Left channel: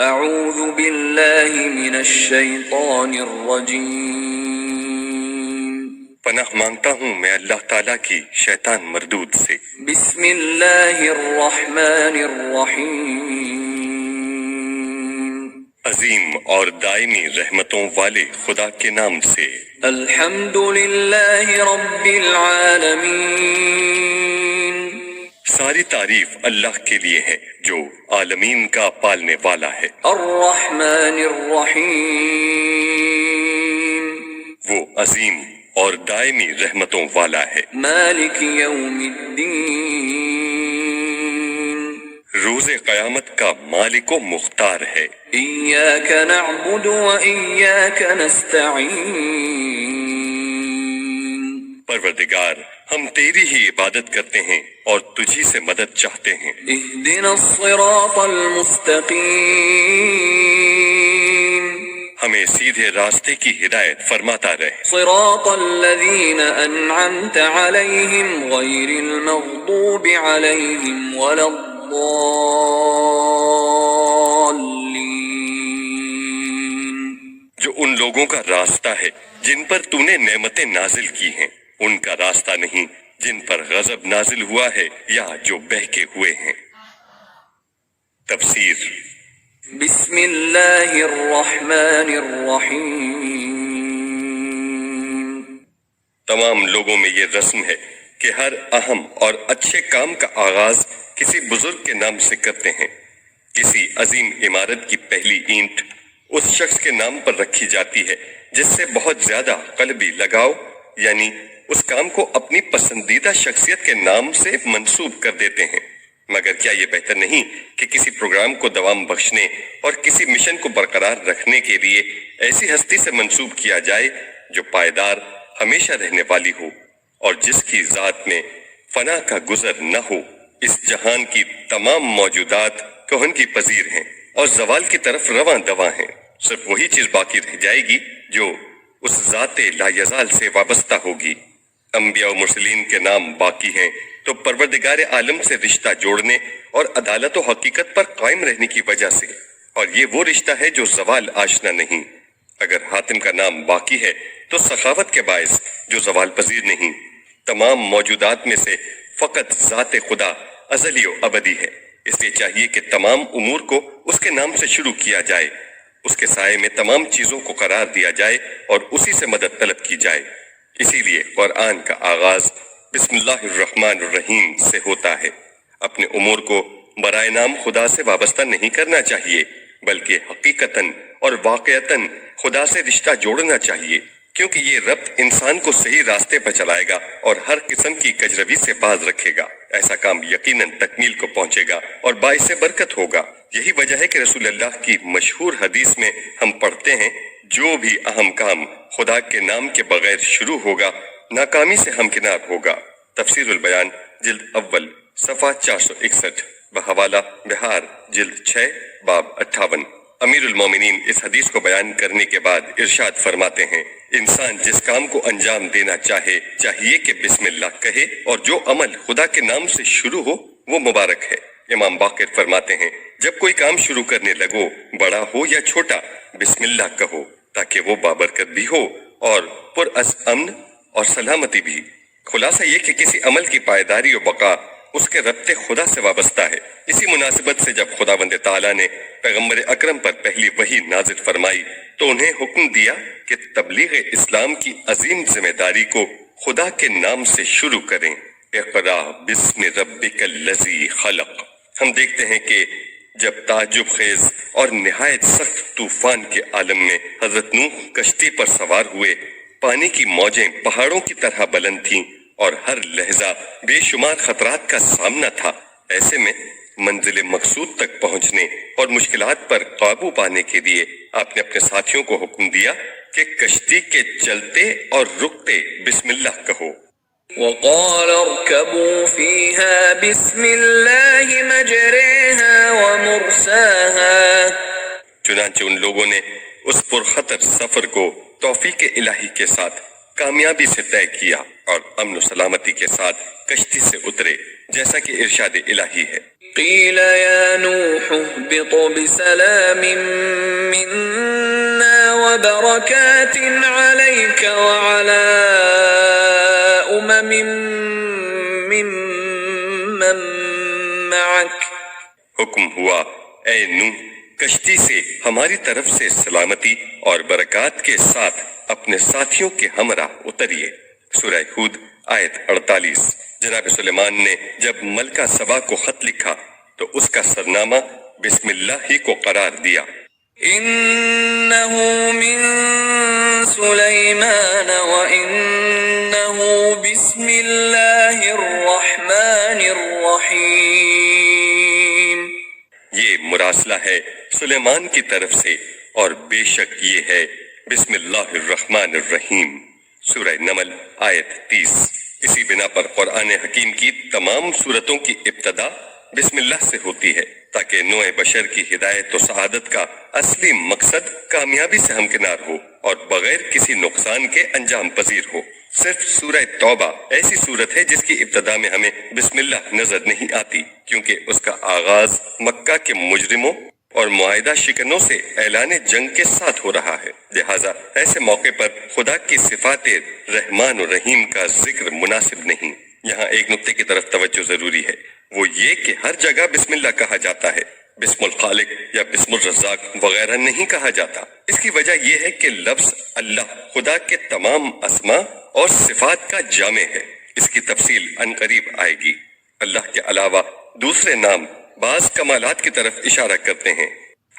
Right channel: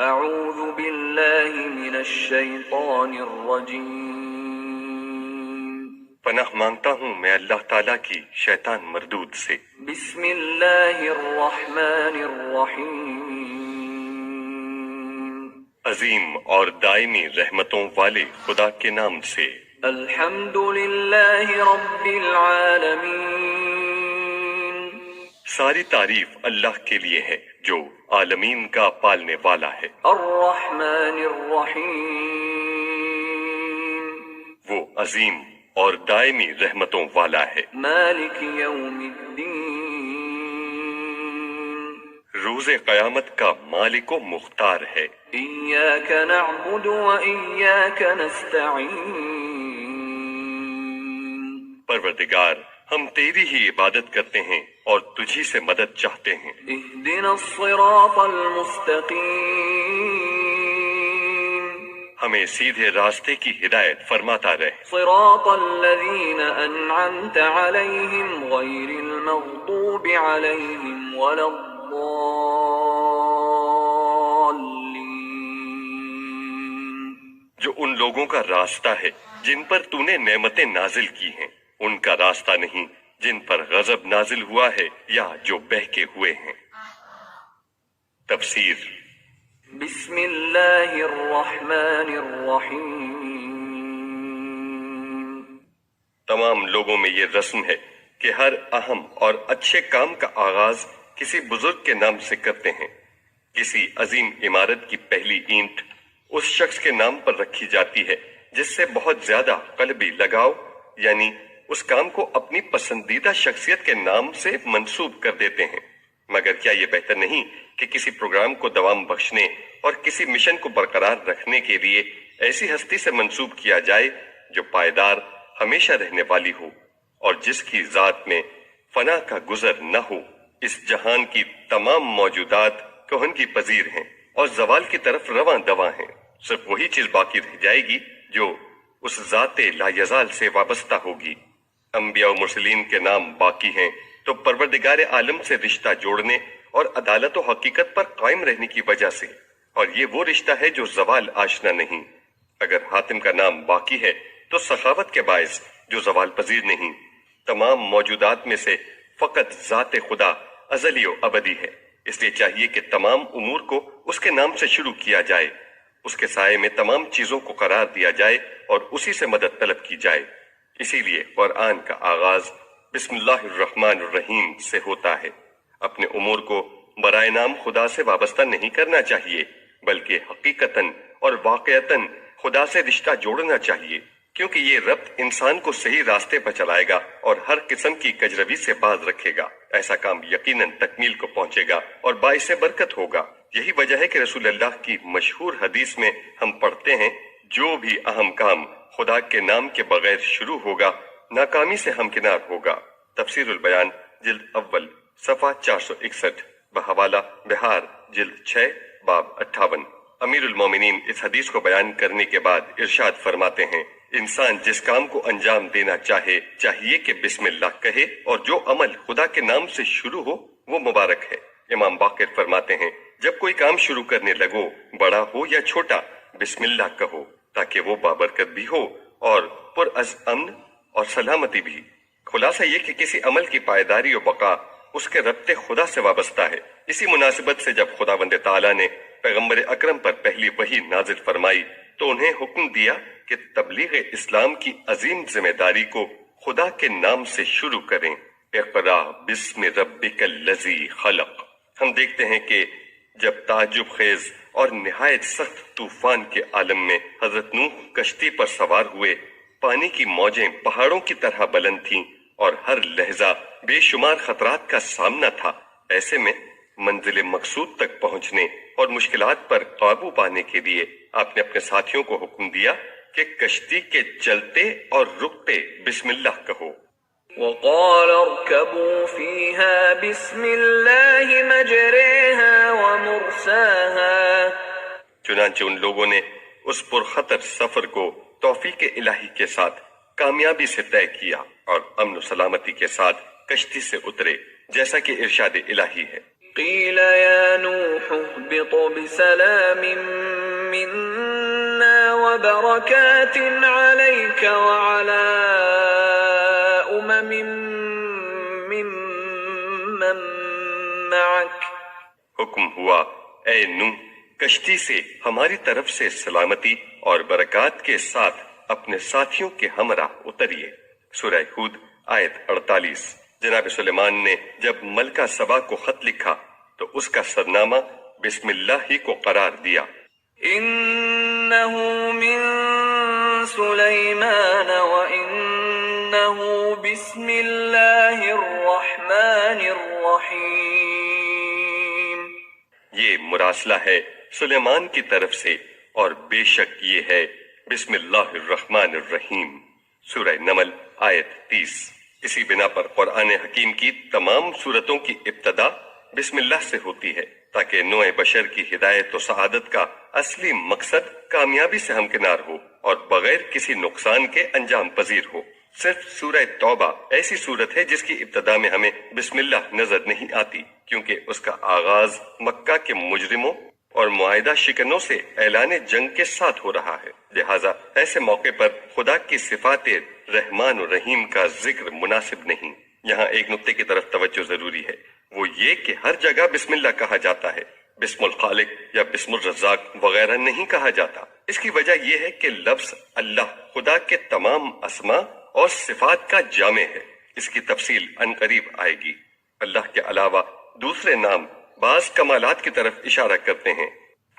اعوذ باللہ من الشیطان الرجیم، پناہ مانگتا ہوں میں اللہ تعالیٰ کی شیطان مردود سے۔ بسم اللہ الرحمن الرحیم، عظیم اور دائمی رحمتوں والے خدا کے نام سے۔ الحمد للہ رب العالمین، ساری تعریف اللہ کے لیے ہے جو عالمین کا پالنے والا ہے۔ الرحمن الرحیم، وہ عظیم اور دائمی رحمتوں والا ہے۔ مالک یوم الدین، روز قیامت کا مالک و مختار ہے۔ ایاک نعبد و ایاک نستعین، پروردگار ہم تیری ہی عبادت کرتے ہیں اور تجھی سے مدد چاہتے ہیں۔ اہدنا الصراط المستقیم، ہمیں سیدھے راستے کی ہدایت فرماتا رہے۔ صراط الذین انعمت علیہم غیر المغضوب علیہم ولا الضالین، جو ان لوگوں کا راستہ ہے جن پر تو نے نعمتیں نازل کی ہیں، ان کا راستہ نہیں جن پر غضب نازل ہوا ہے یا جو بہکے ہوئے ہیں۔ تفسیر۔ بسم اللہ الرحمن الرحیم، تمام لوگوں میں یہ رسم ہے کہ ہر اہم اور اچھے کام کا آغاز کسی بزرگ کے نام سے کرتے ہیں۔ کسی عظیم عمارت کی پہلی اینٹ اس شخص کے نام پر رکھی جاتی ہے جس سے بہت زیادہ قلبی لگاؤ، یعنی اس کام کو اپنی پسندیدہ شخصیت کے نام سے منسوب کر دیتے ہیں۔ مگر کیا یہ بہتر نہیں کہ کسی پروگرام کو دوام بخشنے اور کسی مشن کو برقرار رکھنے کے لیے ایسی ہستی سے منسوب کیا جائے جو پائیدار ہمیشہ رہنے والی ہو اور جس کی ذات میں فنا کا گزر نہ ہو؟ اس جہان کی تمام موجودات کہن کی پذیر ہیں اور زوال کی طرف رواں دواں ہیں۔ صرف وہی چیز باقی رہ جائے گی جو اس ذات لا یزال سے وابستہ ہوگی۔ انبیاء و مرسلین کے نام باقی ہیں تو پروردگار عالم سے رشتہ جوڑنے اور عدالت و حقیقت پر قائم رہنے کی وجہ سے، اور یہ وہ رشتہ ہے جو زوال آشنا نہیں۔ اگر حاتم کا نام باقی ہے تو سخاوت کے باعث جو زوال پذیر نہیں۔ تمام موجودات میں سے فقط ذات خدا ازلی و ابدی ہے، اس لیے چاہیے کہ تمام امور کو اس کے نام سے شروع کیا جائے، اس کے سائے میں تمام چیزوں کو قرار دیا جائے اور اسی سے مدد طلب کی جائے۔ اسی لیے قرآن کا آغاز بسم اللہ الرحمن الرحیم سے ہوتا ہے۔ اپنے امور کو برائے نام خدا سے وابستہ نہیں کرنا چاہیے، بلکہ حقیقتاً اور واقعتاً خدا سے رشتہ جوڑنا چاہیے، کیونکہ یہ ربط انسان کو صحیح راستے پر چلائے گا اور ہر قسم کی کجروی سے باز رکھے گا۔ ایسا کام یقیناً تکمیل کو پہنچے گا اور باعث برکت ہوگا۔ یہی وجہ ہے کہ رسول اللہ کی مشہور حدیث میں ہم پڑھتے ہیں، جو بھی اہم کام خدا کے نام کے بغیر شروع ہوگا ناکامی سے ہمکنار ہوگا۔ تفسیر البیان جلد اول صفحہ 461 بحوالہ بہار جلد 6 باب 58۔ امیر المومنین اس حدیث کو بیان کرنے کے بعد ارشاد فرماتے ہیں، انسان جس کام کو انجام دینا چاہیے کہ بسم اللہ کہے، اور جو عمل خدا کے نام سے شروع ہو وہ مبارک ہے۔ امام باقر فرماتے ہیں، جب کوئی کام شروع کرنے لگو، بڑا ہو یا چھوٹا، بسم اللہ کہو تاکہ وہ بابرکت بھی ہو اور پر از امن اور سلامتی بھی۔ خلاصہ یہ کہ کسی عمل کی پائیداری و بقا اس کے ربط خدا سے وابستہ ہے۔ اسی مناسبت سے جب خداوند تعالیٰ نے پیغمبر اکرم پر پہلی وحی نازل فرمائی تو انہیں حکم دیا کہ تبلیغ اسلام کی عظیم ذمہ داری کو خدا کے نام سے شروع کریں۔ اقرا بسم ربک الذی خلق۔ ہم دیکھتے ہیں کہ جب تعجب خیز اور نہایت سخت طوفان کے عالم میں حضرت نوح کشتی پر سوار ہوئے، پانی کی موجیں پہاڑوں کی طرح بلند تھیں اور ہر لہجہ بے شمار خطرات کا سامنا تھا۔ ایسے میں منزل مقصود تک پہنچنے اور مشکلات پر قابو پانے کے لیے آپ نے اپنے ساتھیوں کو حکم دیا کہ کشتی کے چلتے اور رکتے بسم اللہ کہو۔ وقال اركبوا فيها بسم الله مجريها ومرساها، چنانچہ ان لوگوں نے اس پرخطر سفر کو توفیق الہی کے ساتھ کامیابی سے طے کیا اور امن و سلامتی کے ساتھ کشتی سے اترے، جیسا کہ ارشاد الہی ہے۔ قيل يا نوح اهبط بسلام منا وبركات عليك وعلى ممن معك. حکم ہوا اے نوح کشتی سے ہماری طرف سے سلامتی اور برکات کے ساتھ اپنے ساتھیوں کے ہمراہ اتریے. سورہ ہود آیت 48. جناب سلیمان نے جب ملکہ سبا کو خط لکھا تو اس کا سرنامہ بسم اللہ ہی کو قرار دیا. إنه من سليمان وإنه بسم الله الرحمن الرحيم. یہ مراسلہ ہے سلیمان کی طرف سے اور بے شک یہ ہے بسم اللہ الرحمن الرحیم. سورہ نمل آیت 30. اسی بنا پر قرآن حکیم کی تمام سورتوں کی ابتدا بسم اللہ سے ہوتی ہے تاکہ نوع بشر کی ہدایت و سعادت کا اصلی مقصد کامیابی سے ہمکنار ہو اور بغیر کسی نقصان کے انجام پذیر ہو. صرف سورہ توبہ ایسی سورت ہے جس کی ابتدا میں ہمیں بسم اللہ نظر نہیں آتی کیونکہ اس کا آغاز مکہ کے مجرموں اور معاہدہ شکنوں سے اعلان جنگ کے ساتھ ہو رہا ہے. لہٰذا ایسے موقع پر خدا کی صفات رحمان و رحیم کا ذکر مناسب نہیں. یہاں ایک نقطے کی طرف توجہ ضروری ہے، وہ یہ کہ ہر جگہ بسم اللہ کہا جاتا ہے، بسم الخالق یا بسم الرزاق وغیرہ نہیں کہا جاتا. اس کی وجہ یہ ہے کہ لفظ اللہ خدا کے تمام اسماء اور صفات کا جامع ہے. اس کی تفصیل عنقریب آئے گی. اللہ کے علاوہ دوسرے نام بعض کمالات کی طرف اشارہ کرتے ہیں،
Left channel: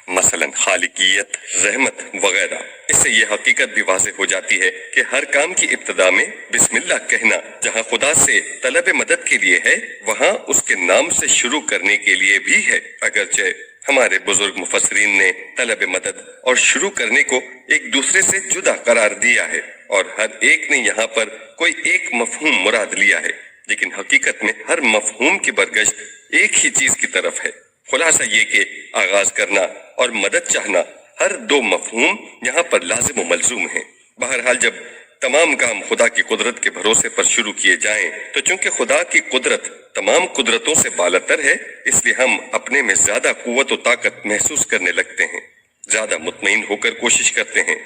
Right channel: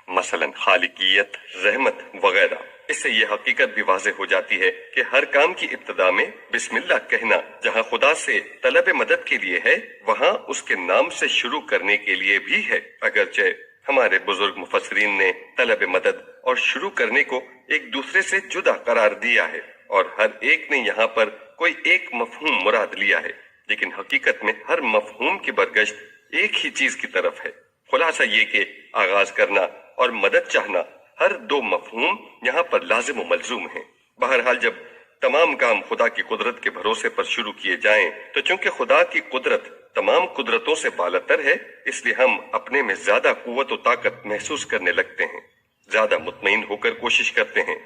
مثلا خالقیت، رحمت وغیرہ. اس سے یہ حقیقت بھی واضح ہو جاتی ہے کہ ہر کام کی ابتدا میں بسم اللہ کہنا جہاں خدا سے طلب مدد کے لیے ہے وہاں اس کے نام سے شروع کرنے کے لیے بھی ہے. اگرچہ ہمارے بزرگ مفسرین نے طلب مدد اور شروع کرنے کو ایک دوسرے سے جدا قرار دیا ہے اور ہر ایک نے یہاں پر کوئی ایک مفہوم مراد لیا ہے، لیکن حقیقت میں ہر مفہوم کی برگشت ایک ہی چیز کی طرف ہے. خلاصہ یہ کہ آغاز کرنا اور مدد چاہنا ہر دو مفہوم یہاں پر لازم و ملزوم ہیں. بہرحال جب تمام کام خدا کی قدرت کے بھروسے پر شروع کیے جائیں تو چونکہ خدا کی قدرت تمام قدرتوں سے بالاتر ہے اس لیے ہم اپنے میں زیادہ قوت و طاقت محسوس کرنے لگتے ہیں، زیادہ مطمئن ہو کر کوشش کرتے ہیں،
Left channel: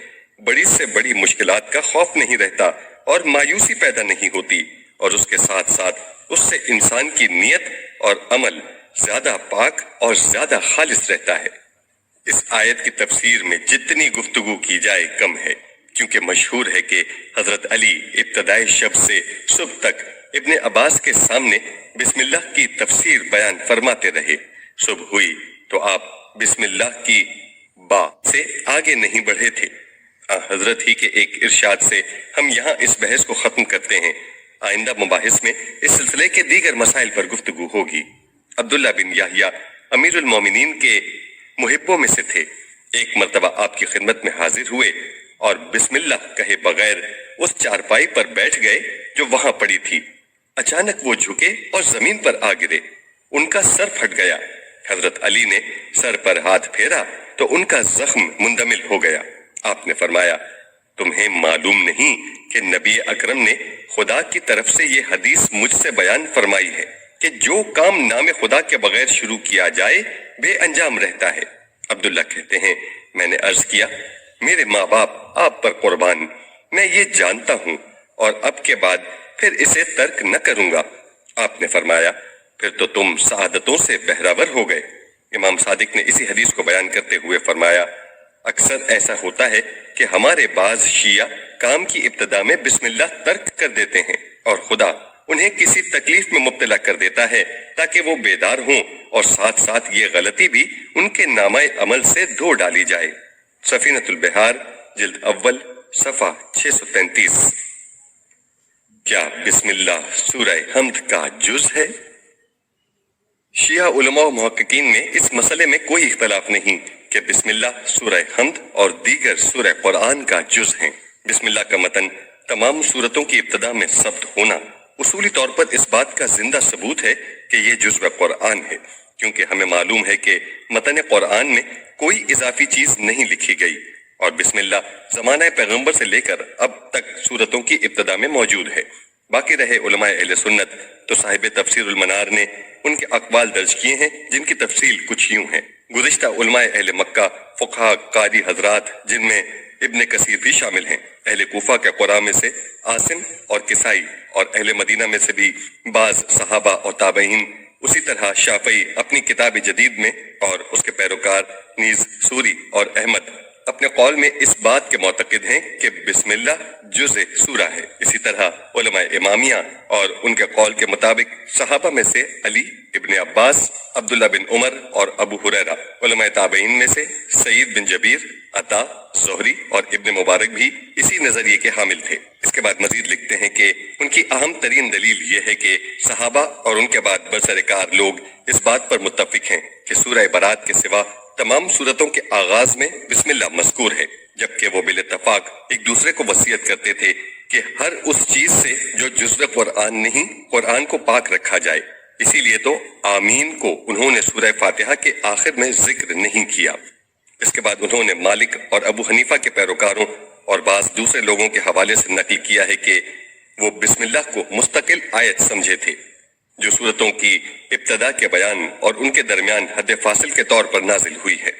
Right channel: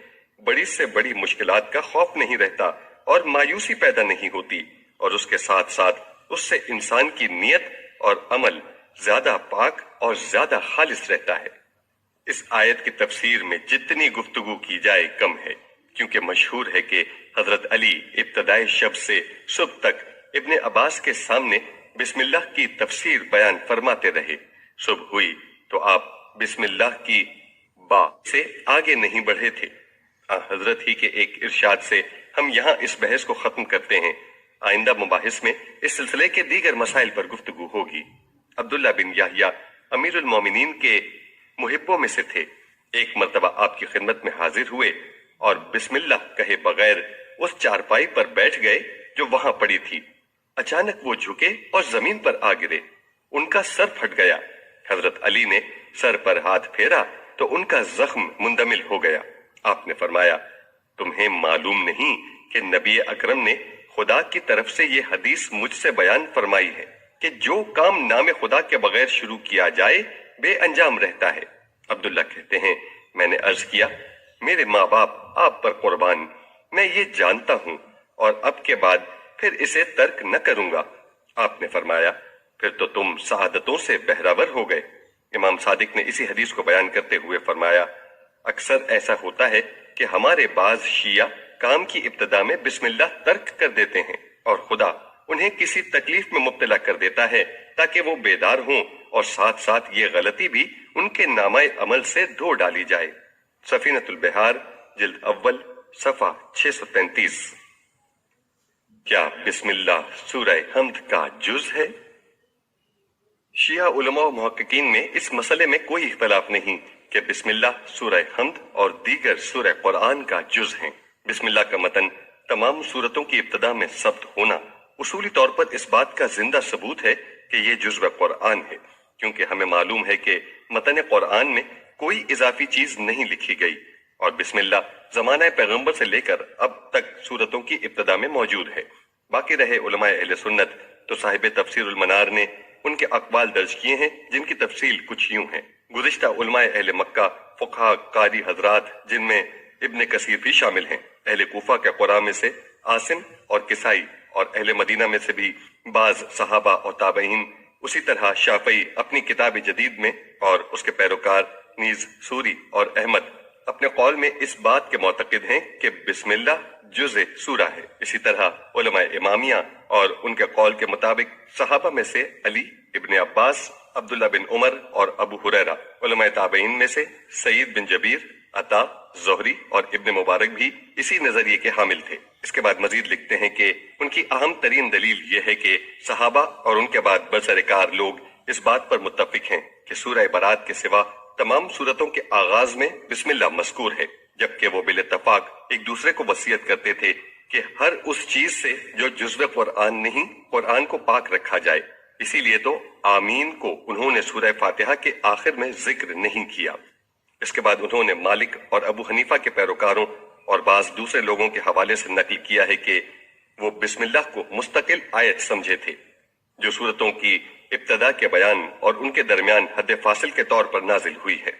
بڑی سے بڑی مشکلات کا خوف نہیں رہتا اور مایوسی پیدا نہیں ہوتی، اور اس کے ساتھ ساتھ اس سے انسان کی نیت اور عمل زیادہ پاک اور زیادہ خالص رہتا ہے. اس آیت کی تفسیر میں جتنی گفتگو کی جائے کم ہے، کیونکہ مشہور ہے کہ حضرت علی ابتدائی شب سے صبح تک ابن عباس کے سامنے بسم اللہ کی تفسیر بیان فرماتے رہے. صبح ہوئی تو آپ بسم اللہ کی با سے آگے نہیں بڑھے تھے. حضرت ہی کے ایک ارشاد سے ہم یہاں اس بحث کو ختم کرتے ہیں. آئندہ مباحث میں اس سلسلے کے دیگر مسائل پر گفتگو ہوگی. عبداللہ بن یحییٰ امیر المومنین کے محبوں میں سے تھے. ایک مرتبہ آپ کی خدمت میں حاضر ہوئے اور بسم اللہ کہے بغیر اس چارپائی پر بیٹھ گئے جو وہاں پڑی تھی. اچانک وہ جھکے اور زمین پر آ گرے. ان کا سر پھٹ گیا. حضرت علی نے سر پر ہاتھ پھیرا تو ان کا زخم مندمل ہو گیا. آپ نے فرمایا تمہیں معلوم نہیں کہ نبی اکرم نے خدا کی طرف سے یہ حدیث مجھ سے بیان فرمائی ہے کہ جو کام نام خدا کے بغیر شروع کیا جائے بے انجام رہتا ہے. عبداللہ کہتے ہیں میں نے عرض کیا میرے ماں باپ آپ پر قربان، میں یہ جانتا ہوں اور اب کے بعد پھر اسے ترک نہ کروں گا. آپ نے فرمایا پھر تو تم سعادتوں سے بہراور ہو گئے. امام صادق نے اسی حدیث کو بیان کرتے ہوئے فرمایا اکثر ایسا ہوتا ہے کہ ہمارے بعض شیعہ کام کی ابتدا میں بسم اللہ ترک کر دیتے ہیں اور خدا انہیں کسی تکلیف میں مبتلا کر دیتا ہے تاکہ وہ بیدار ہوں اور ساتھ ساتھ یہ غلطی بھی ان کے نامہ عمل سے دھو ڈالی جائے. سفینۃ البحار جلد اول صفحہ 633. کیا بسم اللہ سورہ حمد کا جز ہے؟ شیعہ علماء و محققین میں اس مسئلے میں کوئی اختلاف نہیں کہ بسم اللہ سورہ حمد اور دیگر سورہ قرآن کا جز ہیں. بسم اللہ کا متن تمام سورتوں کی ابتدا میں ثبت ہونا اصولی طور پر اس بات کا زندہ ثبوت ہے کہ یہ جزو قرآن ہے، کیونکہ ہمیں معلوم ہے کہ متن قرآن میں کوئی اضافی چیز نہیں لکھی گئی اور بسم اللہ زمانہ پیغمبر سے لے کر اب تک سورتوں کی ابتدا میں موجود ہے. باقی رہے علماء اہل سنت تو صاحب تفسیر المنار نے ان کے اقوال درج کیے ہیں جن کی تفصیل کچھ یوں ہے۔ گزشتہ علماء اہل مکہ فقہا قاری حضرات جن میں ابن کثیر بھی شامل ہیں، اہل کوفہ کے قراء میں سے عاصم اور کسائی، اور اہل مدینہ میں سے بھی بعض صحابہ اور تابعین، اسی طرح شافعی اپنی کتاب جدید میں، اور اس کے پیروکار نیز سوری اور احمد اپنے قول میں اس بات کے معتقد ہیں کہ بسم اللہ جزء سورہ ہے۔ اسی طرح علماء امامیہ اور ان کے قول کے مطابق صحابہ میں سے علی، ابن عباس، عبداللہ بن عمر اور ابو ہریرہ، علماء تابعین میں سے سعید بن جبیر، عطا، زہری اور ابن مبارک بھی اسی نظریے کے حامل تھے۔ اس کے بعد مزید لکھتے ہیں کہ ان کی اہم ترین دلیل یہ ہے کہ صحابہ اور ان کے بعد برسرکار لوگ اس بات پر متفق ہیں کہ سورہ برات کے سوا تمام سورتوں کے آغاز میں بسم اللہ مذکور ہے، جبکہ وہ بالاتفاق ایک دوسرے کو وصیت کرتے تھے کہ ہر اس چیز سے جو جزو قرآن نہیں، قرآن کو پاک رکھا جائے۔ اسی لیے تو آمین کو انہوں نے سورہ فاتحہ کے آخر میں ذکر نہیں کیا۔ اس کے بعد انہوں نے مالک اور ابو حنیفہ کے پیروکاروں اور بعض دوسرے لوگوں کے حوالے سے نقل کیا ہے کہ وہ بسم اللہ کو مستقل آیت سمجھے تھے جو سورتوں کی ابتدا کے بیان اور ان کے درمیان حد فاصل کے طور پر نازل ہوئی ہے۔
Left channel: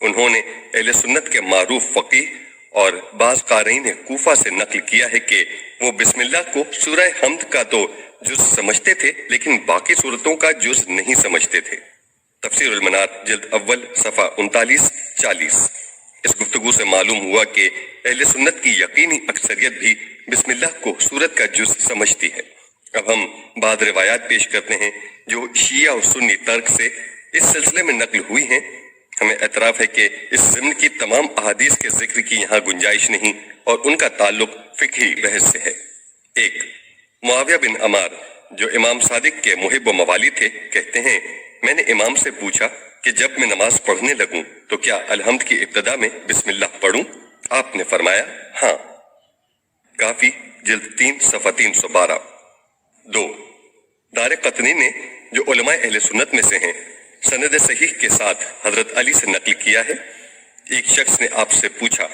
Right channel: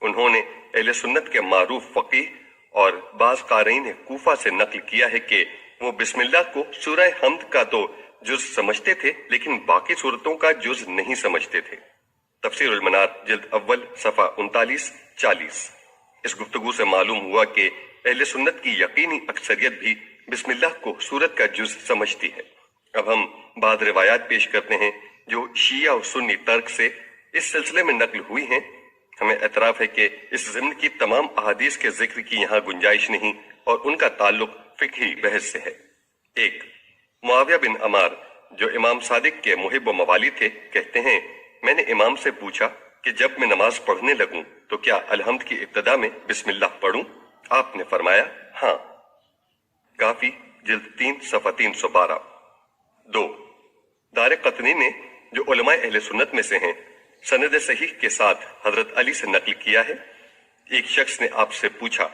انہوں نے اہل سنت کے معروف فقیہ اور بعض قارئین کوفہ سے نقل کیا ہے کہ وہ بسم اللہ کو سورہ حمد کا تو جز سمجھتے تھے لیکن باقی سورتوں کا جز نہیں سمجھتے تھے۔ تفسیر المنار جلد اول صفحہ 39-40۔ اس گفتگو سے معلوم ہوا کہ اہل سنت کی یقینی اکثریت بھی بسم اللہ کو سورت کا جز سمجھتی ہے۔ اب ہم بعض روایات پیش کرتے ہیں جو شیعہ و سنی ترک سے اس سلسلے میں نقل ہوئی ہیں۔ ہمیں اعتراف ہے کہ اس ضمن کی تمام احادیث کے ذکر کی یہاں گنجائش نہیں اور ان کا تعلق فقہی بحث سے ہے۔ 1، معاویہ بن عمار جو امام صادق کے محب و موالی تھے کہتے ہیں میں نے امام سے پوچھا کہ جب میں نماز پڑھنے لگوں تو کیا الحمد کی ابتدا میں بسم اللہ پڑھوں؟ آپ نے فرمایا ہاں۔ کافی جلد 3 صفحہ 312۔ 2، دار قطنی نے جو علماء اہل سنت میں سے ہیں سند صحیح کے ساتھ حضرت علی سے نقل کیا ہے، ایک شخص نے آپ سے پوچھا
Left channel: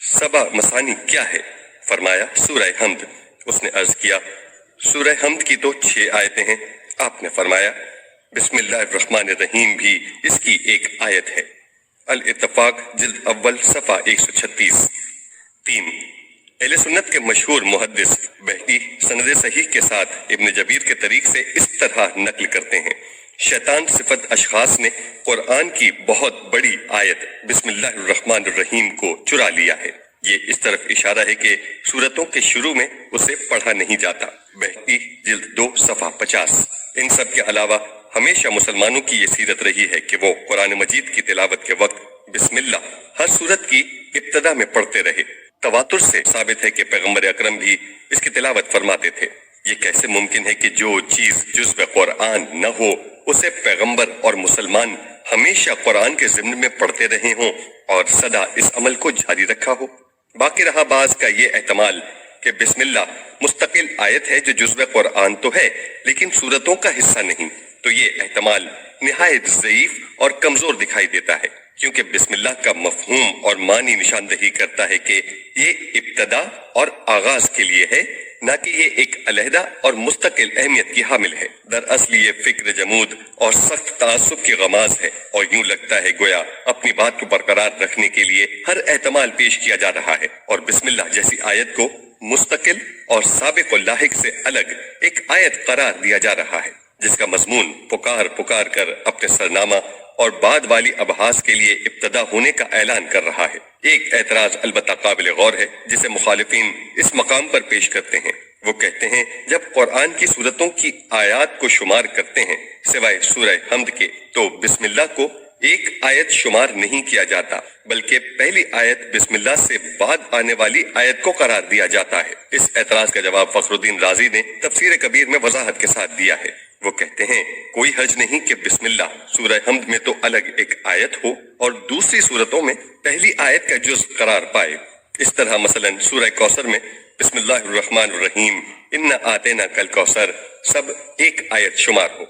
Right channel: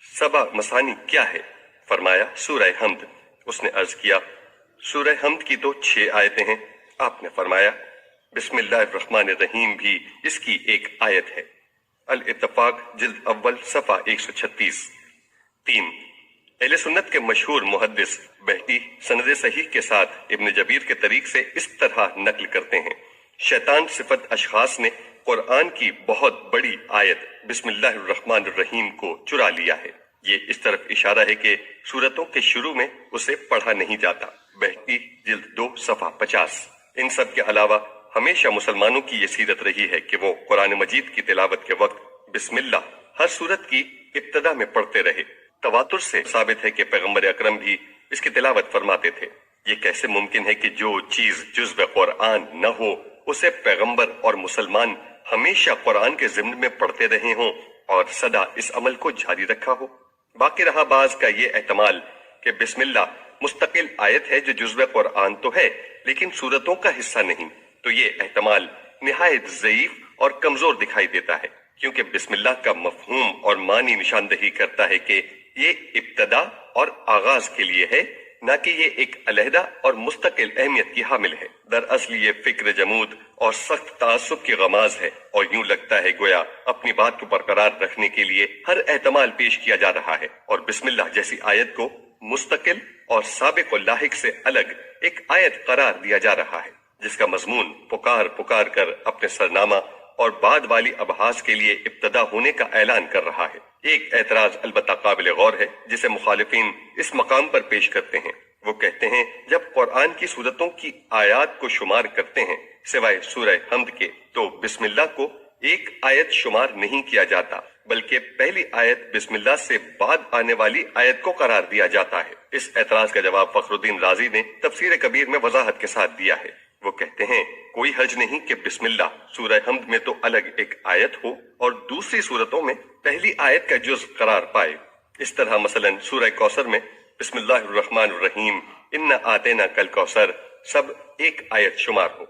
7 مثانی کیا ہے؟ فرمایا سورہ حمد۔ اس نے عرض کیا سورہ حمد کی تو 6 آیتیں ہیں۔ آپ نے فرمایا بسم اللہ الرحمن الرحیم بھی اس کی ایک آیت ہے۔ الاتفاق جلد اول صفحہ 136۔ 3، اہل سنت کے مشہور محدث بہقی سند صحیح کے ساتھ ابن جبیر کے طریق سے اس طرح نقل کرتے ہیں شیطان صفت اشخاص نے قرآن کی بہت بڑی آیت بسم اللہ الرحمن الرحیم کو چرا لیا ہے۔ یہ اس طرف اشارہ ہے کہ سورتوں کے شروع میں اسے پڑھا نہیں جاتا۔ بہقی جلد 2 صفحہ 50۔ ان سب کے علاوہ ہمیشہ مسلمانوں کی یہ سیرت رہی ہے کہ وہ قرآن مجید کی تلاوت کے وقت بسم اللہ ہر سورت کی ابتدا میں پڑھتے رہے۔ تواتر سے ثابت ہے کہ پیغمبر اکرم بھی اس کی تلاوت فرماتے تھے۔ یہ کیسے ممکن ہے کہ جو چیز جزو قرآن نہ ہو اسے پیغمبر اور مسلمان ہمیشہ قرآن کے ضمن میں پڑھتے رہے ہوں اور سدا اس عمل کو جاری رکھا ہو؟ باقی رہا بعض کا یہ احتمال کہ بسم اللہ مستقل آیت ہے جو جزو قرآن تو ہے لیکن سورتوں کا حصہ نہیں، تو یہ احتمال نہایت ضعیف اور کمزور دکھائی دیتا ہے کیونکہ بسم اللہ کا مفہوم اور معنی نشاندہی کرتا ہے کہ یہ ابتدا اور آغاز کے لیے ہے، نہ کہ یہ ایک علیحدہ اور مستقل اہمیت کی حامل ہے۔ دراصل یہ فکر جمود اور سخت تعصب کی غماز ہے اور یوں لگتا ہے گویا اپنی بات کو برقرار رکھنے کے لیے ہر احتمال پیش کیا جا رہا ہے اور بسم اللہ جیسی آیت کو مستقل اور سابق و لاحق سے الگ ایک آیت قرار دیا جا رہا ہے جس کا مضمون پکار پکار کر اپنے سرنامہ اور بعد والی ابحاث کے لیے ابتدا ہونے کا اعلان کر رہا ہے۔ ایک اعتراض البتہ قابل غور ہے جسے مخالفین اس مقام پر پیش کرتے ہیں۔ وہ کہتے ہیں جب قرآن کی سورتوں کی آیات کو شمار کرتے ہیں سوائے سورہ حمد کے تو بسم اللہ کو ایک آیت شمار نہیں کیا جاتا بلکہ پہلی آیت بسم اللہ سے بعد آنے والی آیت کو قرار دیا جاتا ہے۔ اس اعتراض کا جواب فخر الدین رازی نے تفسیر کبیر میں وضاحت کے ساتھ دیا ہے۔ وہ کہتے ہیں کوئی حرج نہیں کہ بسم اللہ سورہ حمد میں تو الگ ایک آیت ہو اور دوسری صورتوں میں پہلی آیت کا جز قرار پائے۔ اس طرح مثلا سورہ کوثر میں بسم اللہ الرحمن الرحیم انا آتیناک الکوثر سب ایک آیت شمار ہو۔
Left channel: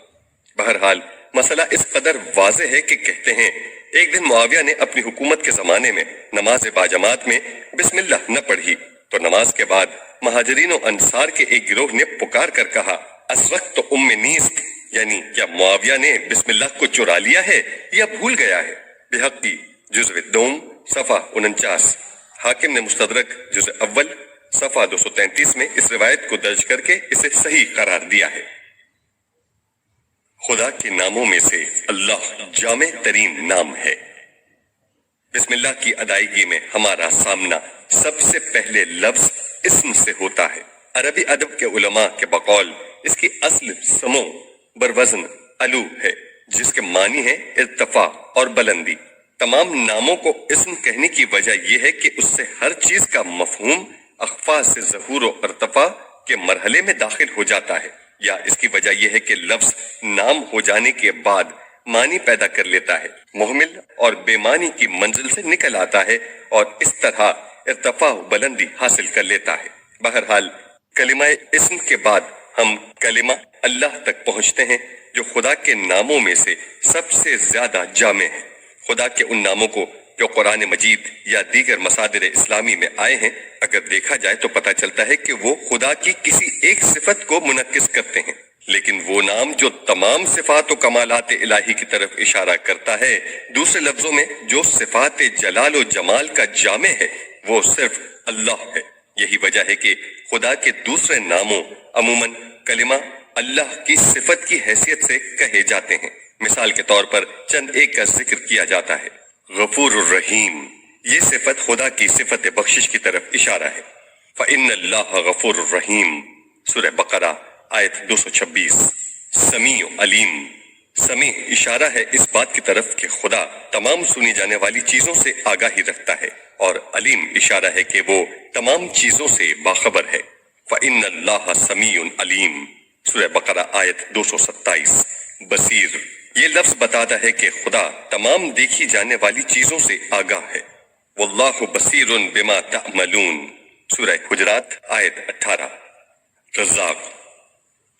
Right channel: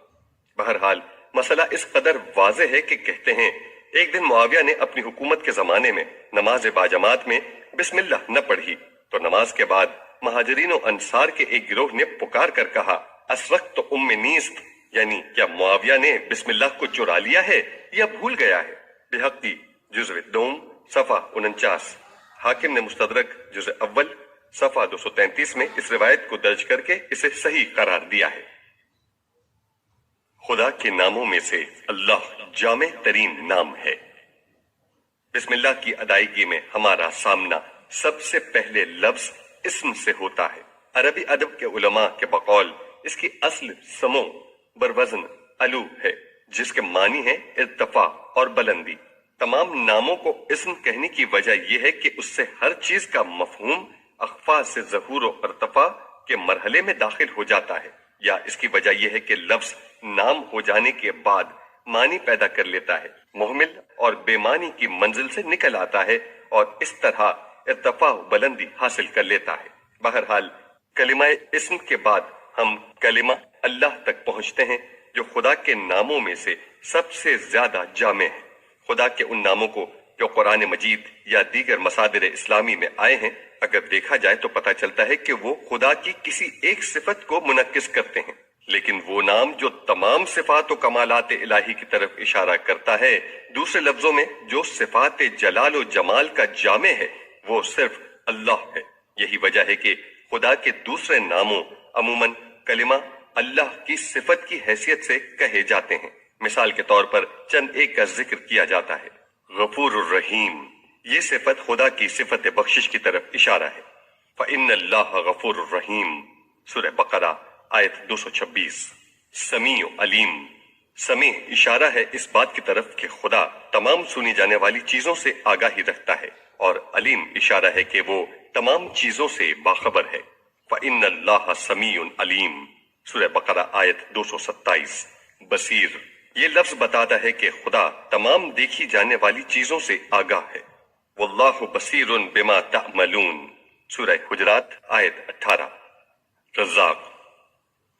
بہرحال مسئلہ اس قدر واضح ہے کہ کہتے ہیں ایک دن معاویہ نے اپنی حکومت کے زمانے میں نماز باجماعت میں بسم اللہ نہ پڑھی تو نماز کے بعد مہاجرین و انصار کے ایک گروہ نے پکار کر کہا اس وقت ام نیست، یعنی کیا معاویہ نے بسم اللہ کو چرا لیا ہے یا بھول گیا ہے؟ بحقی جزء دوم صفحہ 49، حاکم نے مستدرک جزء اول صفحہ 233 میں اس روایت کو درج کر کے اسے صحیح قرار دیا ہے۔ خدا کے ناموں میں سے اللہ جامع ترین نام ہے۔ بسم اللہ کی ادائیگی میں ہمارا سامنا سب سے پہلے لفظ اسم سے ہوتا ہے۔ عربی ادب کے علماء کے بقول اس کی اصل سمو بروزن علو ہے، جس کے معنی ہے ارتفاع اور بلندی۔ تمام ناموں کو اسم کہنے کی وجہ یہ ہے کہ اس سے ہر چیز کا مفہوم اخفا سے ظہور و ارتفاع کے مرحلے میں داخل ہو جاتا ہے، یا اس کی وجہ یہ ہے کہ لفظ نام ہو جانے کے بعد معنی پیدا کر لیتا ہے، محمل اور بے معنی کی منزل سے نکل آتا ہے اور اس طرح ارتفاع و بلندی حاصل کر لیتا ہے۔ بہرحال کلمہ اسم کے بعد ہم کلمہ اللہ تک پہنچتے ہیں، جو خدا کے ناموں میں سے سب سے زیادہ جامع ہے۔ خدا کے ان ناموں کو جو قرآن مجید یا دیگر مصادر اسلامی میں آئے ہیں، اگر دیکھا جائے تو پتہ چلتا ہے کہ وہ خدا کی کسی ایک صفت کو منعکس کرتے ہیں، لیکن وہ نام جو تمام صفات و کمالات الہی کی طرف اشارہ کرتا ہے، دوسرے لفظوں میں جو صفات جلال و جمال کا جامع ہے، وہ صرف اللہ ہے۔ یہی وجہ ہے کہ خدا کے دوسرے ناموں عموماً کلمہ اللہ کی صفت کی حیثیت سے کہے جاتے ہیں۔ مثال کے طور پر چند ایک کا ذکر کیا جاتا ہے۔ غفور الرحیم، یہ صفت خدا کی صفت بخشش کی طرف اشارہ ہے۔ فَإِنَّ اللَّهَ غَفُورٌ رَحِيمٌ، سورہ بقرہ آیت 226۔ سمیع علیم، سمیع اشارہ ہے اس بات کی طرف کہ خدا تمام سنی جانے والی چیزوں سے آگاہی رکھتا ہے، اور علیم اشارہ ہے کہ وہ تمام چیزوں سے باخبر ہے۔ فَإِنَّ اللَّهَ سَمِيعٌ عَلِيمٌ، سورہ بقرہ آیت 227۔ بصیر، یہ لفظ بتاتا ہے کہ خدا تمام دیکھی جانے والی چیزوں سے آگاہ ہے۔ واللہ بصیر بما تعملون، سورہ حجرات آیت 18۔ رزاق،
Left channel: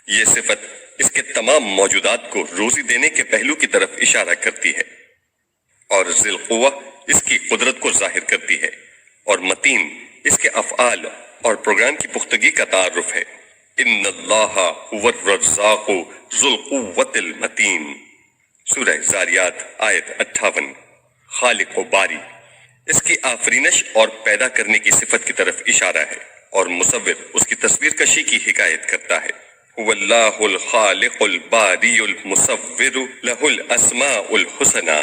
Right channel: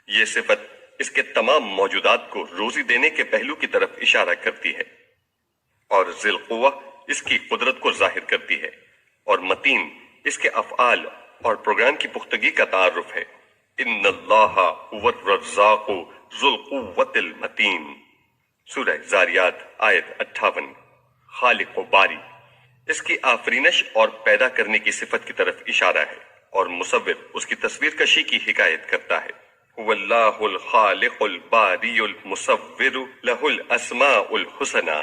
یہ صفت اس کے تمام موجودات کو روزی دینے کے پہلو کی طرف اشارہ کرتی ہے، اور ذی القوہ اس کی قدرت کو ظاہر کرتی ہے، اور متین اس کے افعال اور پروگرام کی پختگی کا تعارف ہے۔ ان اللہ هو الرزاق ذو القوة المتین، سورہ زاریات آیت 58۔ خالق و باری، اس کی آفرینش اور پیدا کرنے کی صفت کی طرف اشارہ ہے، اور مصور اس کی تصویر کشی کی حکایت کرتا ہے۔ هو اللہ الخالق الباری المصور له الاسماء الحسنى،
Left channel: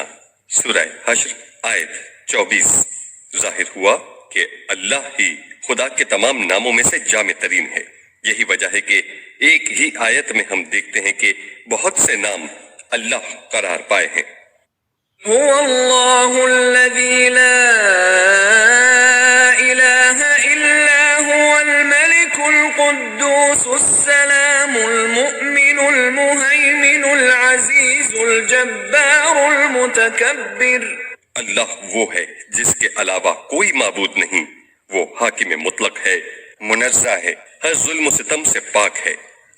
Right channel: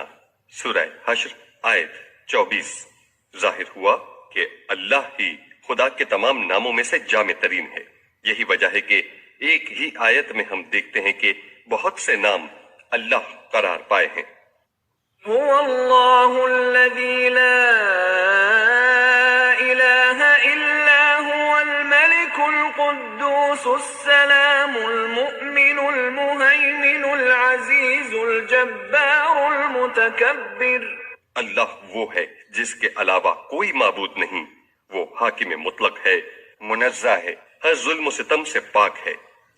سورہ حشر آیت 24۔ ظاہر ہوا کہ اللہ ہی خدا کے تمام ناموں میں سے جامع ترین ہے۔ یہی وجہ ہے کہ ایک ہی آیت میں ہم دیکھتے ہیں کہ بہت سے نام اللہ قرار پائے ہیں۔ هو الله الذي لا إله إلا هو الملك القدوس السلام المؤمن المهيمن العزيز الجبار المتكبر۔ اللہ وہ ہے جس کے علاوہ کوئی معبود نہیں، وہ حاکم مطلق ہے، منزہ ہے، ہر ظلم و ستم سے پاک ہے،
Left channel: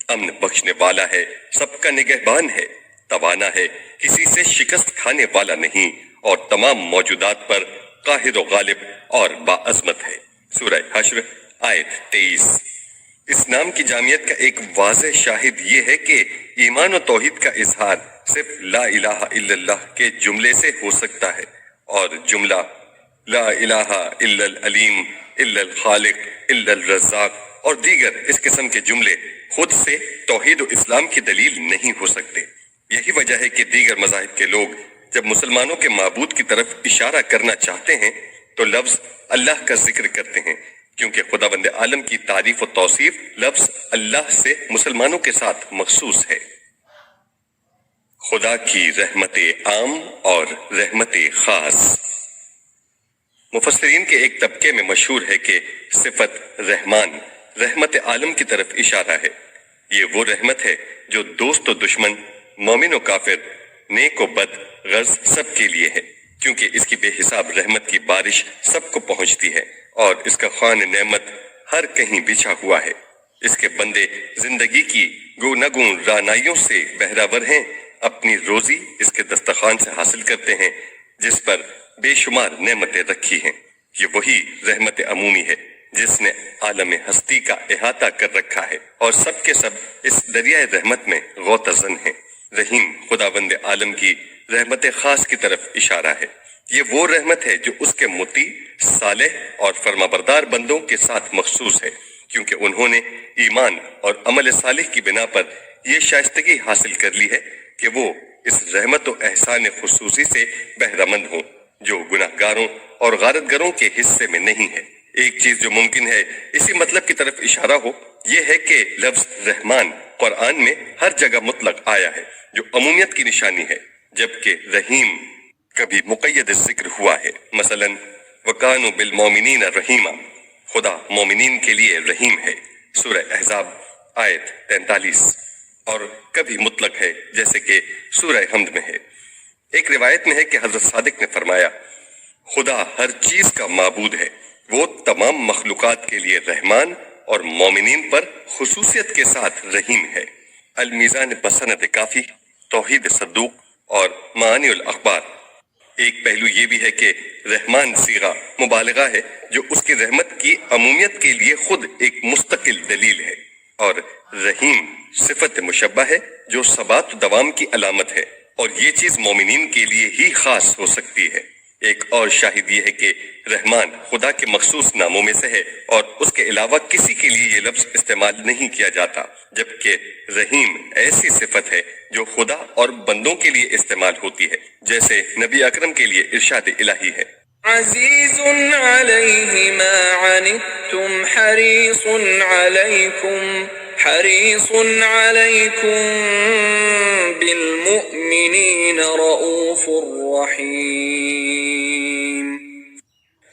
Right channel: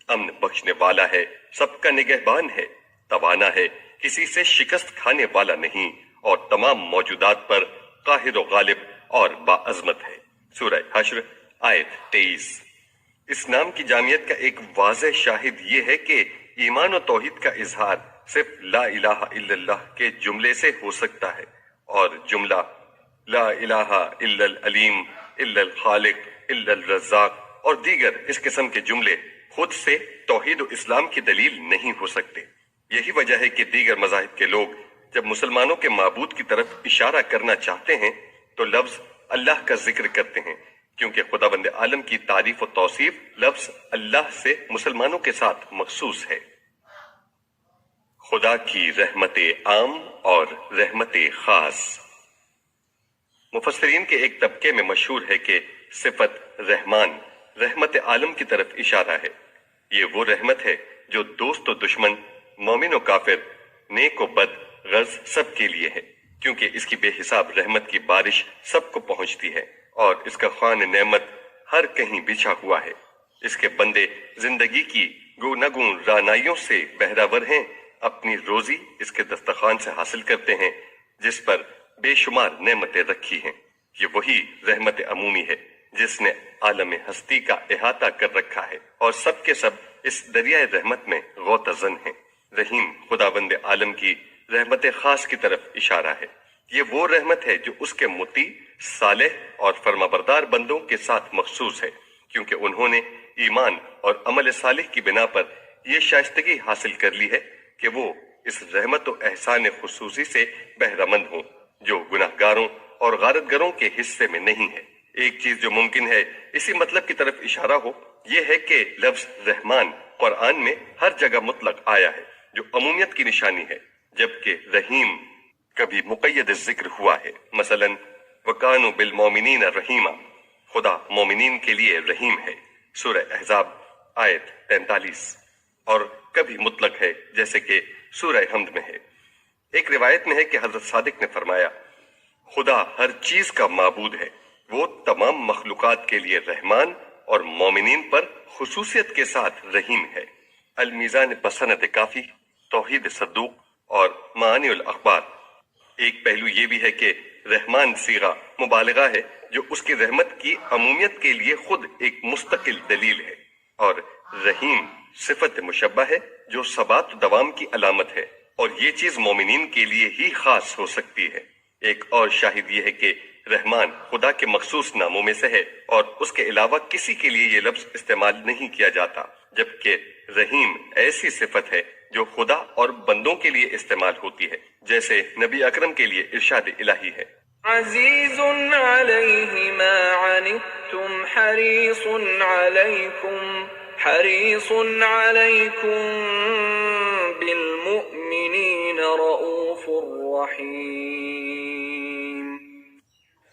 امن بخشنے والا ہے، سب کا نگہبان ہے، توانا ہے، کسی سے شکست کھانے والا نہیں، اور تمام موجودات پر قاہر و غالب اور باعظمت ہے۔ سورہ حشر آیت 23۔ اس نام کی جامعیت کا ایک واضح شاہد یہ ہے کہ ایمان و توحید کا اظہار صرف لا الہ الا اللہ کے جملے سے ہو سکتا ہے، اور جملہ لا الہ الا العلیم الا الخالق الا الرزاق اور دیگر اس قسم کے جملے خود سے توحید و اسلام کی دلیل نہیں ہو سکتے۔ یہی وجہ ہے کہ دیگر مذاہب کے لوگ جب مسلمانوں کے معبود کی طرف اشارہ کرنا چاہتے ہیں تو لفظ اللہ کا ذکر کرتے ہیں، کیونکہ خداوند عالم کی تعریف و توصیف لفظ اللہ سے مسلمانوں کے ساتھ مخصوص ہے۔ خدا کی رحمت عام اور رحمت خاص۔ مفسرین کے ایک طبقے میں مشہور ہے کہ صفت رحمان رحمت عالم کی طرف اشارہ ہے۔ یہ وہ رحمت ہے جو دوست و دشمن، مومن و کافر، نیک و بد، غرض سب کے لیے ہے، کیونکہ اس کی بے حساب رحمت کی بارش سب کو پہنچتی ہے، اور اس کا خوان نعمت ہر کہیں بچھا ہوا ہے۔ اس کے بندے زندگی کی گوناگون رعنائیوں سے بہراور ہیں، اپنی روزی اس کے دسترخوان سے حاصل کرتے ہیں جس پر بے شمار نعمتیں رکھی ہیں۔ یہ وہی رحمت عمومی ہے جس نے عالم ہستی کا احاطہ کر رکھا ہے اور سب کے سب اس دریائے رحمت میں غوطہ-زن ہیں۔ رحیم خداوند عالم کی رحمت خاص کی طرف اشارہ ہے۔ یہ وہ رحمت ہے جو اس کے مطیع، صالح اور فرمانبردار بندوں کے ساتھ مخصوص ہے، کیونکہ انہوں نے ایمان اور عمل صالح کی بنا پر یہ شائستگی حاصل کر لی ہے کہ وہ اس رحمت و احسان خصوصی سے بہرہ مند ہوں جو گناہ گاروں اور غارت گروں کے حصے میں نہیں ہے۔ ایک چیز جو ممکن ہے اسی مطلب کی طرف اشارہ ہو، یہ ہے کہ لفظ رحمان قرآن میں ہر جگہ مطلق آیا ہے جو عمومیت کی نشانی ہے، جبکہ رحیم کبھی مقید ذکر ہوا ہے۔ مثلا وَكَانُوا بِالْمُؤْمِنِينَ رَحِيمًا، خدا مومنین کے لیے رحیم ہے، سورہ احزاب آیت 43، اور کبھی مطلق ہے جیسے کہ سورہ حمد میں ہے۔ ایک روایت میں ہے کہ حضرت صادق نے فرمایا، خدا ہر چیز کا معبود ہے، وہ تمام مخلوقات کے لیے رحمان اور مومنین پر خصوصیت کے ساتھ رحیم ہے۔ المیزان بسند کافی، توحید صدوق اور معانی الاخبار۔ ایک پہلو یہ بھی ہے کہ رحمان صیغہ مبالغہ ہے جو اس کی رحمت کی عمومیت کے لیے خود ایک مستقل دلیل ہے، اور رحیم صفت مشبہ ہے جو ثبات و دوام کی علامت ہے، اور یہ چیز مومنین کے لیے ہی خاص ہو سکتی ہے۔ ایک اور شاہد یہ ہے کہ رحمان خدا کے مخصوص ناموں میں سے ہے اور اس کے علاوہ کسی کے لیے یہ لفظ استعمال نہیں کیا جاتا، جبکہ رحیم ایسی صفت ہے جو خدا اور بندوں کے لیے استعمال ہوتی ہے، جیسے نبی اکرم کے لیے ارشاد الہی ہے، عزیز علیہ ما عنتم حریص علیکم بالمؤمنین رؤوف رحیم۔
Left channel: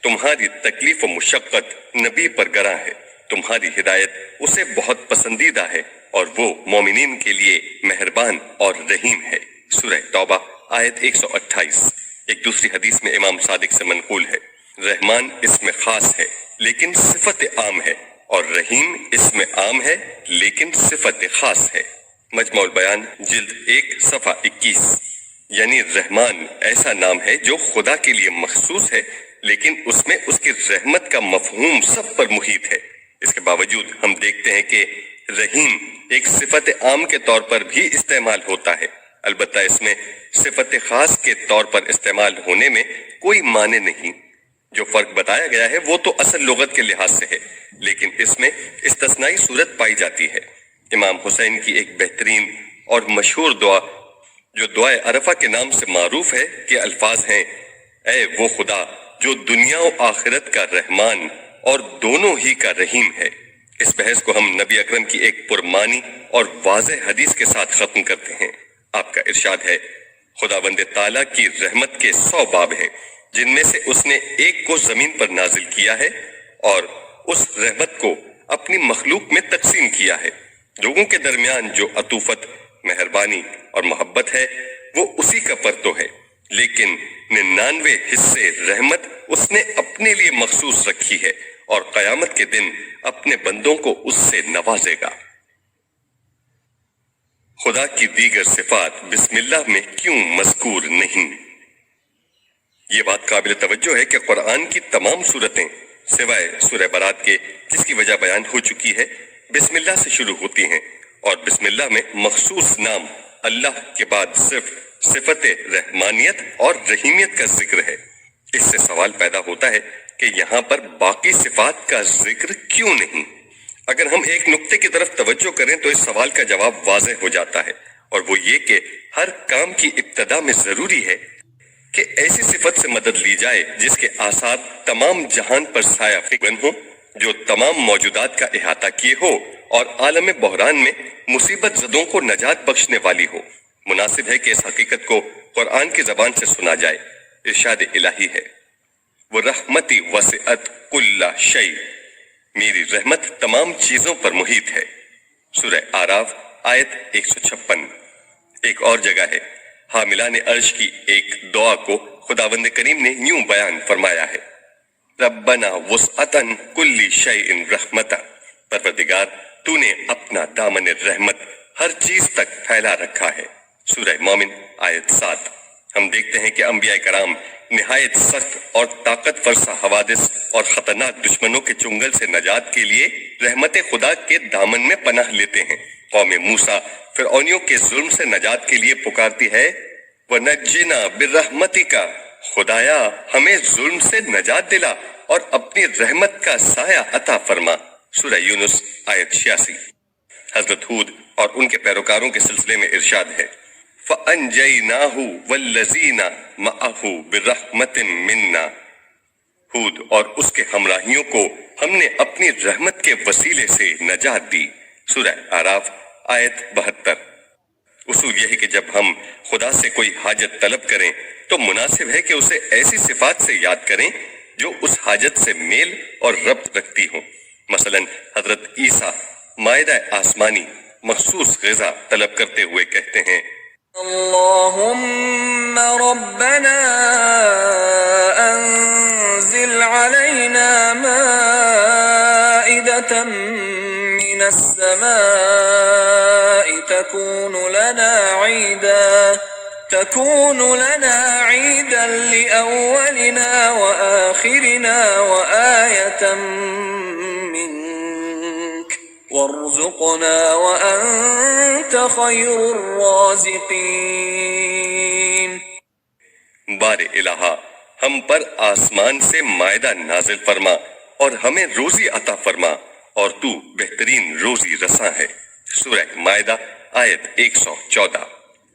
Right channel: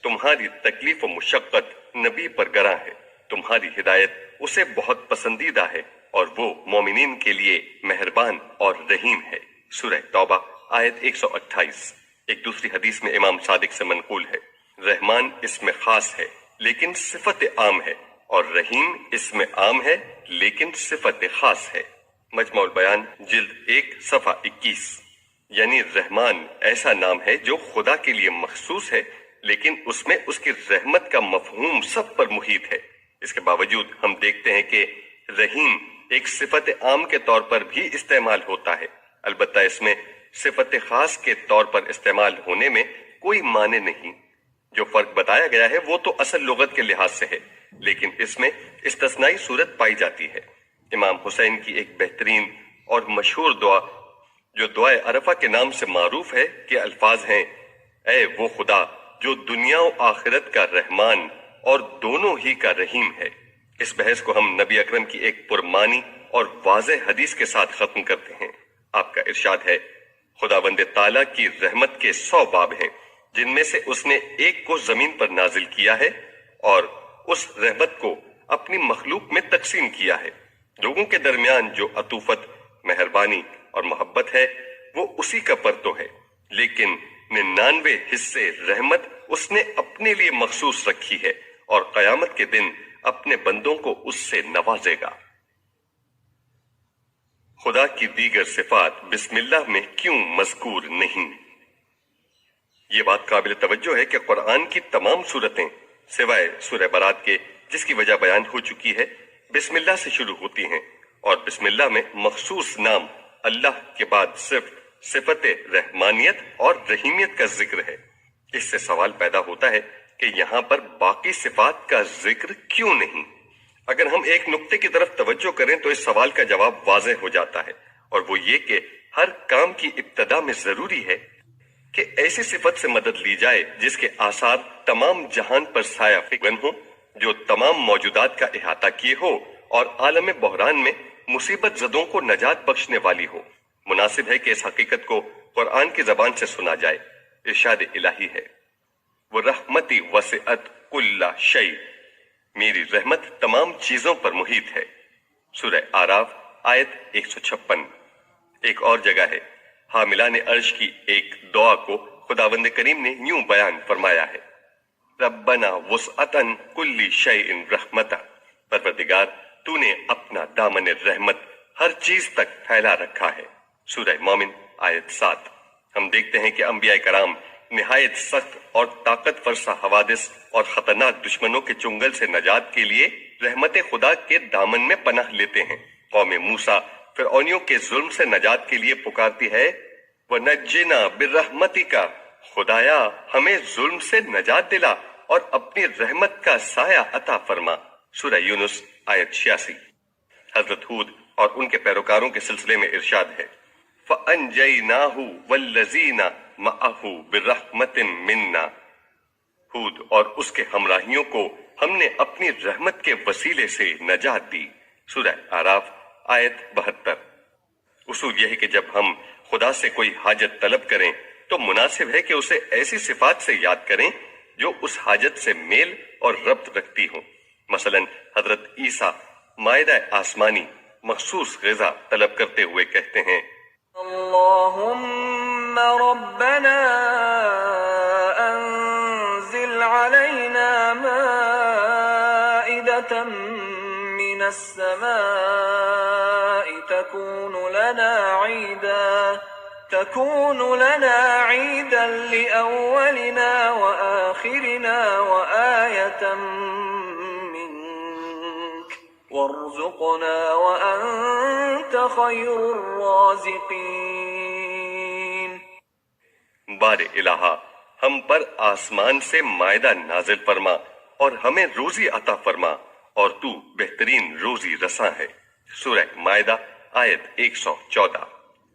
تمہاری تکلیف و مشقت نبی پر گراں ہے، تمہاری ہدایت اسے بہت پسندیدہ ہے، اور وہ مومنین کے لیے مہربان اور رحیم ہے، سورہ توبہ آیت 128۔ ایک دوسری حدیث میں امام صادق سے منقول ہے، رحمان اسم خاص ہے لیکن صفت عام ہے، اور رحیم اسم عام ہے لیکن صفت خاص ہے۔ مجمع البیان جلد 1 صفحہ 21۔ یعنی رحمان ایسا نام ہے جو خدا کے لیے مخصوص ہے، لیکن اس میں اس کی رحمت کا مفہوم سب پر محیط ہے۔ اس کے باوجود ہم دیکھتے ہیں کہ رحیم ایک صفت عام کے طور پر بھی استعمال ہوتا ہے، البتہ اس میں صفت خاص کے طور پر استعمال ہونے میں کوئی معنی نہیں۔ جو فرق بتایا گیا ہے وہ تو اصل لغت کے لحاظ سے ہے، لیکن اس میں استثنائی صورت پائی جاتی ہے۔ امام حسین کی ایک بہترین اور مشہور دعا جو دعائے عرفہ کے نام سے معروف ہے کے الفاظ ہیں، اے وہ خدا جو دنیا و آخرت کا رحمان اور دونوں ہی کا رحیم ہے۔ اس بحث کو ہم نبی اکرم کی ایک پرمانی اور واضح حدیث کے ساتھ ختم کرتے ہیں۔ آپ کا ارشاد ہے، خداوند تعالیٰ کی رحمت کے 100 باب ہیں، جن میں سے اس نے ایک کو زمین پر نازل کیا ہے اور اس رحمت کو اپنی مخلوق میں تقسیم کیا ہے۔ لوگوں کے درمیان جو عطوفت، مہربانی اور محبت ہے وہ اسی کا پرتو ہے، لیکن 99 حصے رحمت اس نے اپنے لیے مخصوص رکھی ہے، اور قیامت کے دن اپنے بندوں کو اس سے نوازے گا۔ خدا کی دیگر صفات بسم اللہ میں کیوں مذکور نہیں؟ یہ بات قابل توجہ ہے کہ قرآن کی تمام صورتیں سوائے سورہ برات کے، جس کی وجہ بیان ہو چکی ہے، بسم اللہ سے شروع ہوتی ہیں، اور بسم اللہ میں مخصوص نام اللہ کے بعد صرف صفت رحمانیت اور رحیمیت کا ذکر ہے۔ اس سے سوال پیدا ہوتا ہے کہ یہاں پر باقی صفات کا ذکر کیوں نہیں؟ اگر ہم ایک نقطے کی طرف توجہ کریں تو اس سوال کا جواب واضح ہو جاتا ہے، اور وہ یہ کہ ہر کام کی ابتدا میں ضروری ہے کہ ایسی صفت سے مدد لی جائے جس کے آثار تمام جہان پر سایہ فکن ہو، جو تمام موجودات کا احاطہ کیے ہو اور عالم بحران میں مصیبت زدوں کو نجات بخشنے والی ہو۔ مناسب ہے کہ اس حقیقت کو قرآن کی زبان سے سنا جائے۔ ارشاد الہی ہے، وَرَحْمَتِي وَسِعَتْ كُلَّ شَيْءٍ، میری رحمت تمام چیزوں پر محیط ہے، سورہ اعراف آیت 156۔ ایک اور جگہ ہے، حاملان عرش کی ایک دعا کو خداوند کریم نے یوں بیان فرمایا ہے، ربنا وسعتن کل شیء رحمتا، پروردگار تو نے اپنا دامن رحمت ہر چیز تک پھیلا رکھا ہے، سورہ مومن آیت 7۔ ہم دیکھتے ہیں کہ انبیاء کرام نہایت سخت اور طاقت فرسا حوادث اور خطرناک دشمنوں کے چنگل سے نجات کے لیے رحمت خدا کے دامن میں پناہ لیتے ہیں۔ قوم موسیٰ فرعونیوں کے ظلم سے نجات کے لیے پکارتی ہے، وَنَجِّنَا بِرَحْمَتِكَ، خدایا ہمیں ظلم سے نجات دلا اور اپنی رحمت کا سایہ عطا فرما۔ سورہ یونس آیت 86۔ حضرت ہود اور ان کے پیروکاروں کے سلسلے میں ارشاد ہے، فَأَنْجَيْنَاهُ وَالَّذِينَ مَعَهُ بِرَحْمَةٍ مِنَّا، ہود اور اس کے ہمراہیوں کو ہم نے اپنی رحمت کے وسیلے سے نجات دی۔ سورہ اعراف آیت 72۔ اصول یہ ہے کہ جب ہم خدا سے کوئی حاجت طلب کریں تو مناسب ہے کہ اسے ایسی صفات سے یاد کریں جو اس حاجت سے میل اور ربط رکھتی ہوں۔ مثلا حضرت عیسیٰ مائدہ آسمانی مخصوص غذا طلب کرتے ہوئے کہتے ہیں، اللهم ربنا أنزل علينا مائدة من السماء تكون لنا عيدا لأولنا وآخرنا وآية منك وارزقنا وأنت خير الرازقين۔ بار الہا ہم پر آسمان سے مائدہ نازل فرما اور ہمیں روزی عطا فرما اور تو بہترین روزی رساں ہے۔ سورہ مائدہ آیت 114۔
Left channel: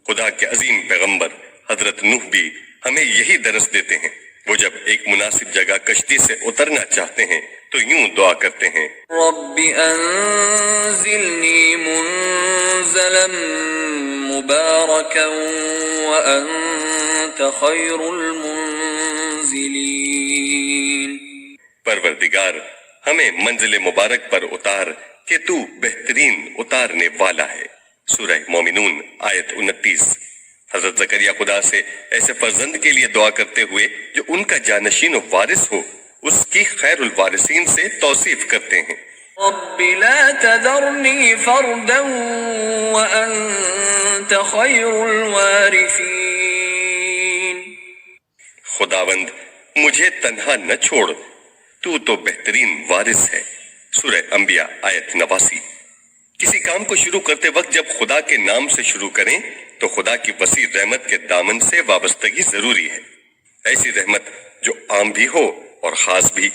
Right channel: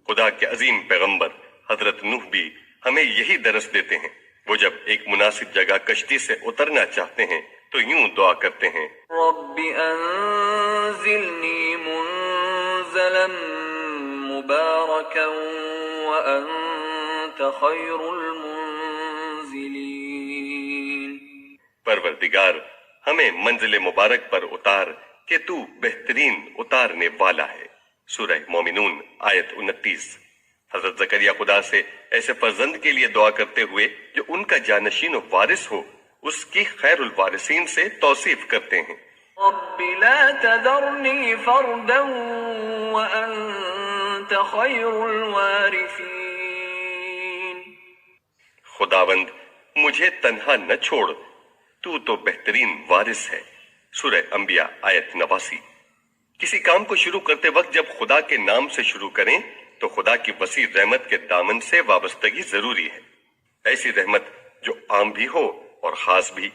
خدا کے عظیم پیغمبر حضرت نوح بھی ہمیں یہی درس دیتے ہیں۔ وہ جب ایک مناسب جگہ کشتی سے اترنا چاہتے ہیں تو یوں دعا کرتے ہیں، رب انزلنی منزلا مبارکا وانت خیر المنزلین۔ پروردگار ہمیں منزل مبارک پر اتار کہ تو بہترین اتارنے والا ہے۔ سورہ مومنون آیت 29۔ حضرت زکریا خدا سے ایسے فرزند کے لیے دعا کرتے ہوئے جو ان کا جانشین و وارث ہو اس کی خیر الوارثین سے توصیف کرتے ہیں، رب لا تذرنی فردا وانت خیر الوارثین۔ خداوند مجھے تنہا نہ چھوڑ، تو بہترین وارث ہے۔ سورہ انبیاء آیت 89۔ کسی کام کو شروع کرتے وقت جب خدا کے نام سے شروع کریں تو خدا کی وسیع رحمت کے دامن سے وابستگی ضروری ہے۔ ایسی رحمت جو عام بھی ہو اور خاص بھی۔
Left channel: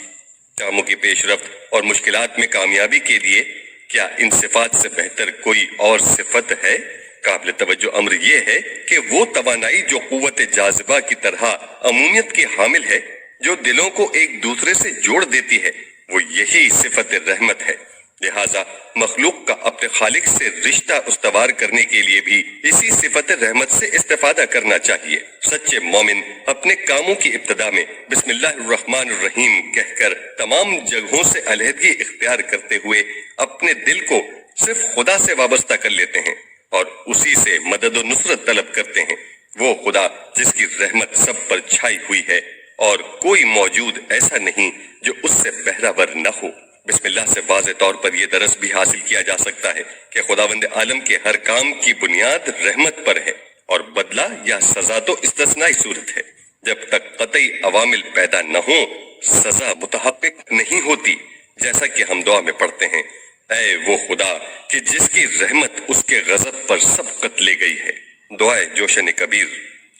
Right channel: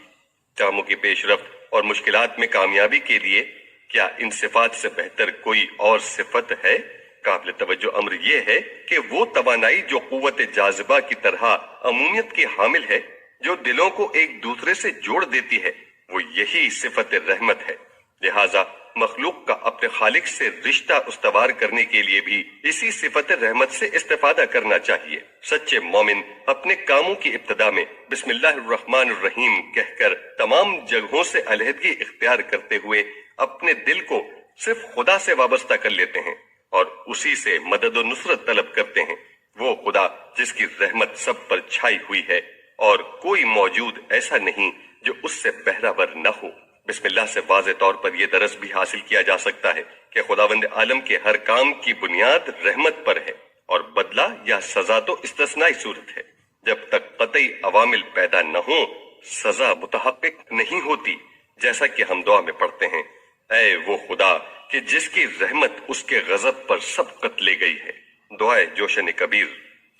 کاموں کی پیش رفت اور مشکلات میں کامیابی کے لیے کیا ان صفات سے بہتر کوئی اور صفت ہے؟ قابل توجہ امر یہ ہے کہ وہ توانائی جو قوت جاذبہ کی طرح عمومیت کی حامل ہے، جو دلوں کو ایک دوسرے سے جوڑ دیتی ہے، وہ یہی صفت رحمت ہے۔ لہٰذا مخلوق کا اپنے خالق سے رشتہ استوار کرنے کے لیے بھی اسی صفت رحمت سے استفادہ کرنا چاہیے۔ سچے مومن اپنے کاموں کی ابتدا میں بسم اللہ الرحمن الرحیم کہہ کر تمام جگہوں سے علیحدگی اختیار کرتے ہوئے اپنے دل کو صرف خدا سے وابستہ کر لیتے ہیں اور اسی سے مدد و نصرت طلب کرتے ہیں۔ وہ خدا جس کی رحمت سب پر چھائی ہوئی ہے اور کوئی موجود ایسا نہیں جو اس سے بہرہ نہ ہو۔ بسم اللہ سے واضح طور پر یہ درس بھی حاصل کیا جا سکتا ہے کہ خداوند عالم کے ہر کام کی بنیاد رحمت پر ہے اور بدلہ یا سزا تو استثنائی صورت ہے۔ جب تک قطعی عوامل پیدا نہ ہوں سزا متحقق نہیں ہوتی، جیسا کہ ہم دعا میں پڑھتے ہیں، اے وہ خدا کہ جس کی رحمت اس کے غضب پر سبقت لے گئی ہے۔ دعائے جوشن کبیر۔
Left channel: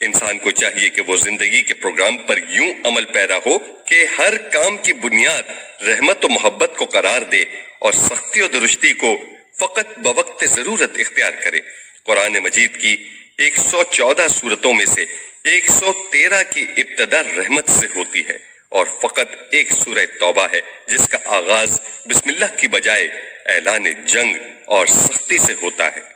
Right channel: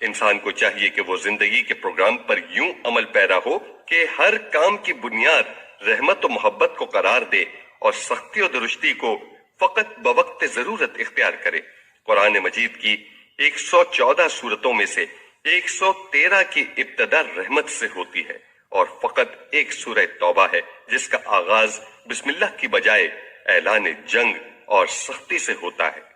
انسان کو چاہیے کہ وہ زندگی کے پروگرام پر یوں عمل پیرا ہو کہ ہر کام کی بنیاد رحمت و محبت کو قرار دے اور سختی و درستی کو فقط بوقت ضرورت اختیار کرے۔ قرآن مجید کی 114 سورتوں میں سے 113 کی ابتدا رحمت سے ہوتی ہے اور فقط ایک سورہ توبہ ہے جس کا آغاز بسم اللہ کی بجائے اعلان جنگ اور سختی سے ہوتا ہے۔